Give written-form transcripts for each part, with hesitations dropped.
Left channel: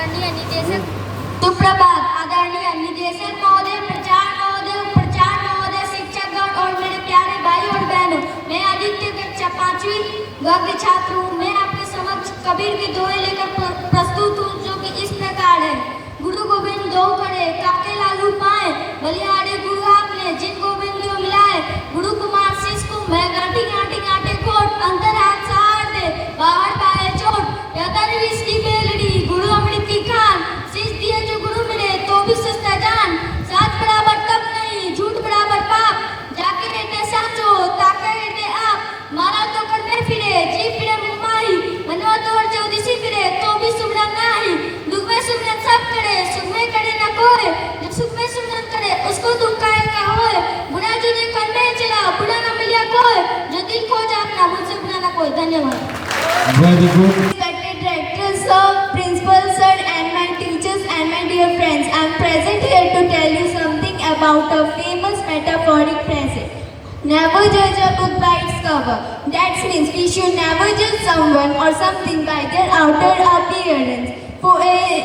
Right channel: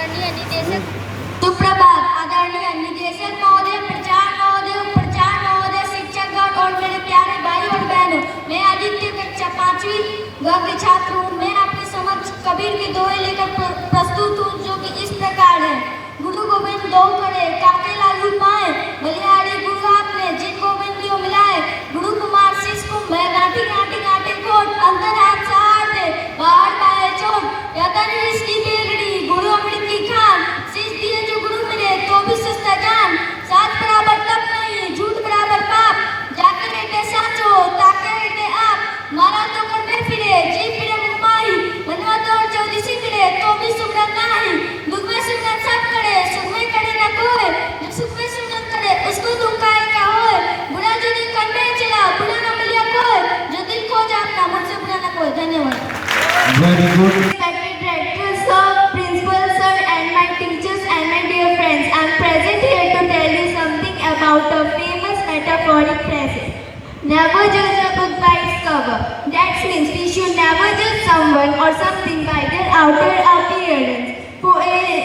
आदरणीय निदेशक सुप्रभात। आदरणीय निदेशक महोदय, प्रचार महोदय, शिक्षकगण और मेरे प्यारे भाई और बहनों, मैं आदित्य कक्षा 5वीं वर्ग छात्र हूँ। मैं आपके समक्ष कबीर के दोहे लेकर प्रस्तुत हूँ, जो कि इस प्रकार है। गुरु गोविंद दो करे, काके लालू पाए, बलिहारी गुरु आपने, जिन गोविंद लियो मिलाए। गुरु कुमार शिष्य को मैं गांठी गांठी गांठे कोट, अंतर हाथ सहार दे, बाहर पाए चोट। यादर इसकी बेलड़ी, गुरु अमृत की खान, शिष्य दिए जो गुरु मिले तो भी सस्ता जान। साथ बराबर तप नहीं, झूठ बराबर पाप, जाके रहते साचो, ताके रहते आप। मारा तो कर में फिरे, जी फिरे मुंबाई, बनवा तो और चौदिसी फिरे तो भी सुमरन नाही। दुख में सुमरन सब करे, सुख में करे न कोई, जो सुख में सुमरन करे उसको दुख काहे का होए। बुरा जो दिल कर में चला, बुरा न मिलिया कोई, जो दिल खो जाता मुझसे बुरा न कोई। धन्यवाद। Very good. Respected director, sir, principal sir, and my teachers and my dear friends, I am present here to tell you something about a famous metaphoric phrase. Never judge a book by its cover. That means we should never judge someone or something by their outer appearance. For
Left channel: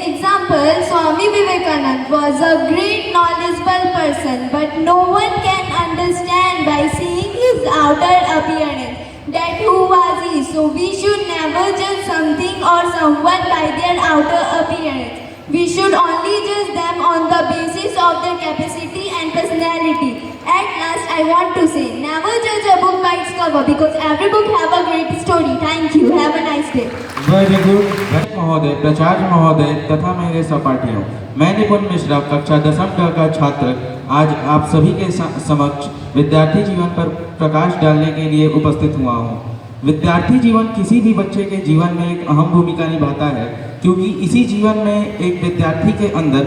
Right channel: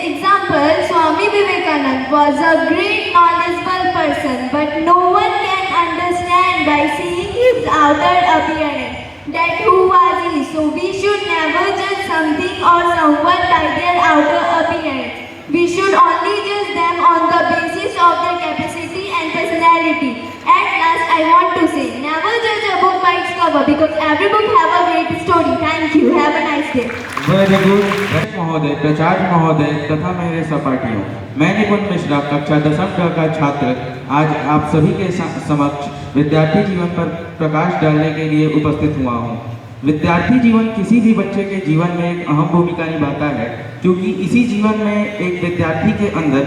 example, Swami Vivekananda was a great knowledgeable person, but no one can understand by seeing his outer appearance that who was he. So we should never judge something or someone by their outer appearance. We should only judge them on the basis of their capacity and personality. At last, I want to say, never judge a book by its cover, because every book have a great story. Thank you. Have a nice day. Very good. महोदय, प्राचार्य महोदय तथा मेरे सहपाठियों, मैं निपुण मिश्रा कक्षा 10वीं का छात्र आज आप सभी के समक्ष विद्यार्थी जीवन पर प्रकाश डालने के लिए उपस्थित हुआ हूँ। विद्यार्थी जीवन किसी भी बच्चे के जीवन में एक अहम भूमिका निभाता है, क्योंकि इसी जीवन में एक विद्यार्थी के अंदर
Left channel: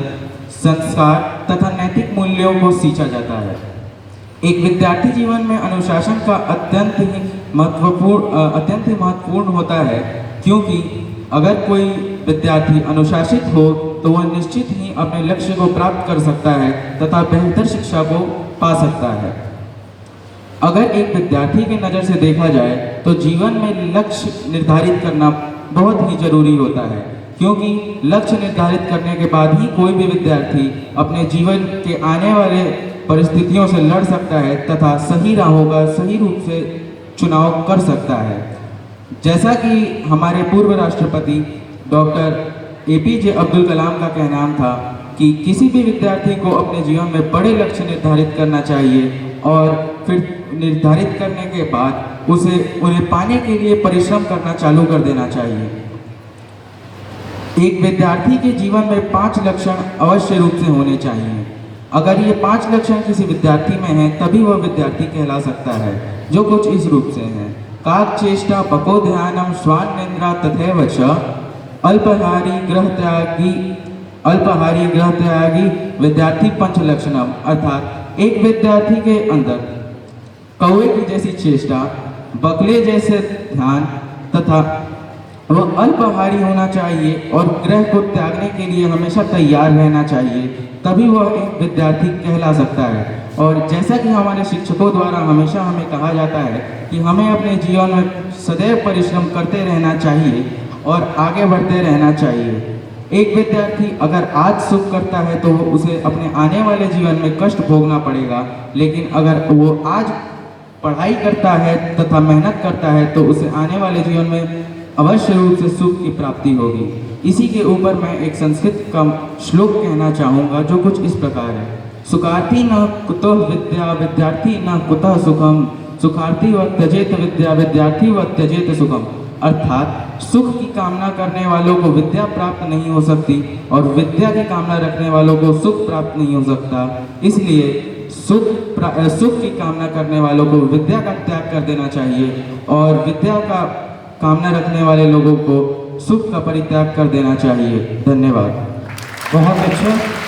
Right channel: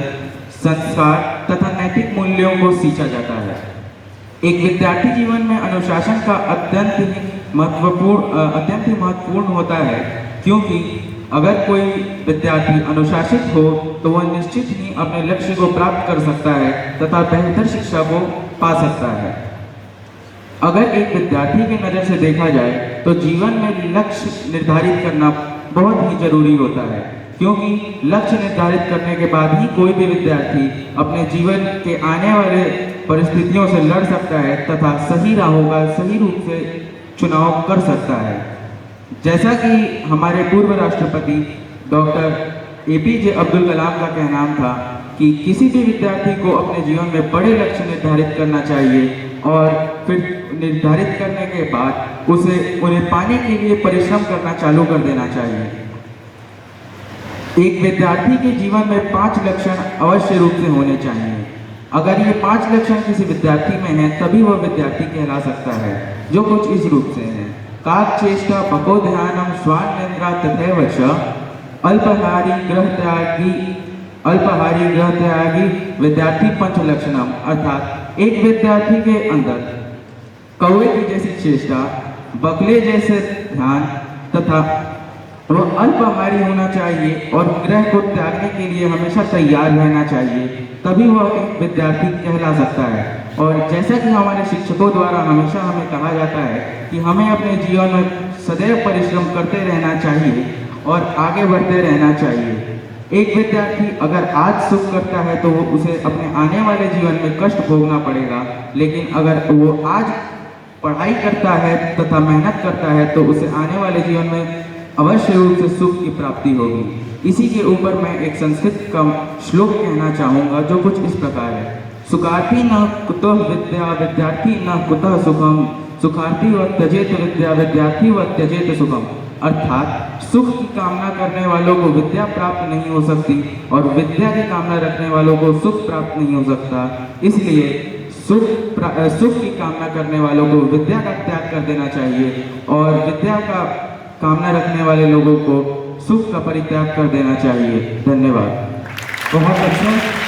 संस्कार तथा नैतिक मूल्यों को सींचा जाता है। एक विद्यार्थी जीवन में अनुशासन का अत्यंत ही महत्वपूर्ण होता है, क्योंकि अगर कोई विद्यार्थी अनुशासित हो तो वह निश्चित ही अपने लक्ष्य को प्राप्त कर सकता है तथा बेहतर शिक्षा को पा सकता है। अगर एक विद्यार्थी की नज़र से देखा जाए तो जीवन में लक्ष्य निर्धारित करना बहुत ही जरूरी होता है, क्योंकि लक्ष्य निर्धारित करने के बाद ही कोई भी विद्यार्थी अपने जीवन के आने वाले परिस्थितियों से लड़ सकता है तथा सही राहों का सही रूप से चुनाव कर सकता है। जैसा कि हमारे पूर्व राष्ट्रपति डॉक्टर APJ अब्दुल कलाम का कहना था कि किसी भी विद्यार्थी को अपने जीवन में बड़े लक्ष्य निर्धारित करना चाहिए और फिर निर्धारित करने के बाद उन्हें पाने के लिए परिश्रम करना चालू कर देना चाहिए। एक विद्यार्थी के जीवन में 5 लक्षण अवश्य रूप से होने चाहिए। अगर ये 5 लक्षण किसी विद्यार्थी में हैं, तभी वह विद्यार्थी कहला सकता है, जो कुछ इस रूप से हैं। काक चेष्टा बको ध्यानम स्वान निंद्रा तथैव च अल्पहारी ग्रह त्यागी विद्यार्थी पंच लक्षणम। अर्थात एक विद्यार्थी के अंदर कौवे की जैसी चेष्टा, बकले जैसे ध्यान तथा वह अल्पहारी होना चाहिए और ग्रह को त्यागने के लिए हमेशा तैयार रहना चाहिए, तभी वह एक विद्यार्थी कहला सकता है। और जैसा कि हमारे शिक्षकों द्वारा हमेशा हमें कहा जाता है कि हमें अपने जीवन में सदैव परिश्रम करते रहना चाहिए और आगे बढ़ते रहना चाहिए। एक विद्यार्थी अगर आज सुख करता है तो उसे अपने आने वाले जीवन में कष्ट भोगना पड़ेगा, लेकिन अगर वो आज पढ़ाई करता है तथा मेहनत करता है तो उसे आने वाले जीवन में अवश्य रूप से सुख की प्राप्ति होगी। इसी के ऊपर मैं एक संस्कृत का श्लोक कहना चाहूँगा, जो कुछ इस प्रकार है। सुखार्थी न कुतः विद्या विद्यार्थी न कुतः सुखम, सुखार्थी व त्यजेत विद्या विद्यार्थी व त्यजेत सुखम। अर्थात सुख की कामना करने वालों को विद्या प्राप्त नहीं हो सकती और विद्या की कामना रखने वालों को सुख प्राप्त नहीं हो सकता। इसलिए सुख की कामना करने वालों को विद्या का त्याग कर देना चाहिए और विद्या का कामना रखने वाले लोगों को सुख का परित्याग कर देना चाहिए। धन्यवाद। बहुत अच्छा।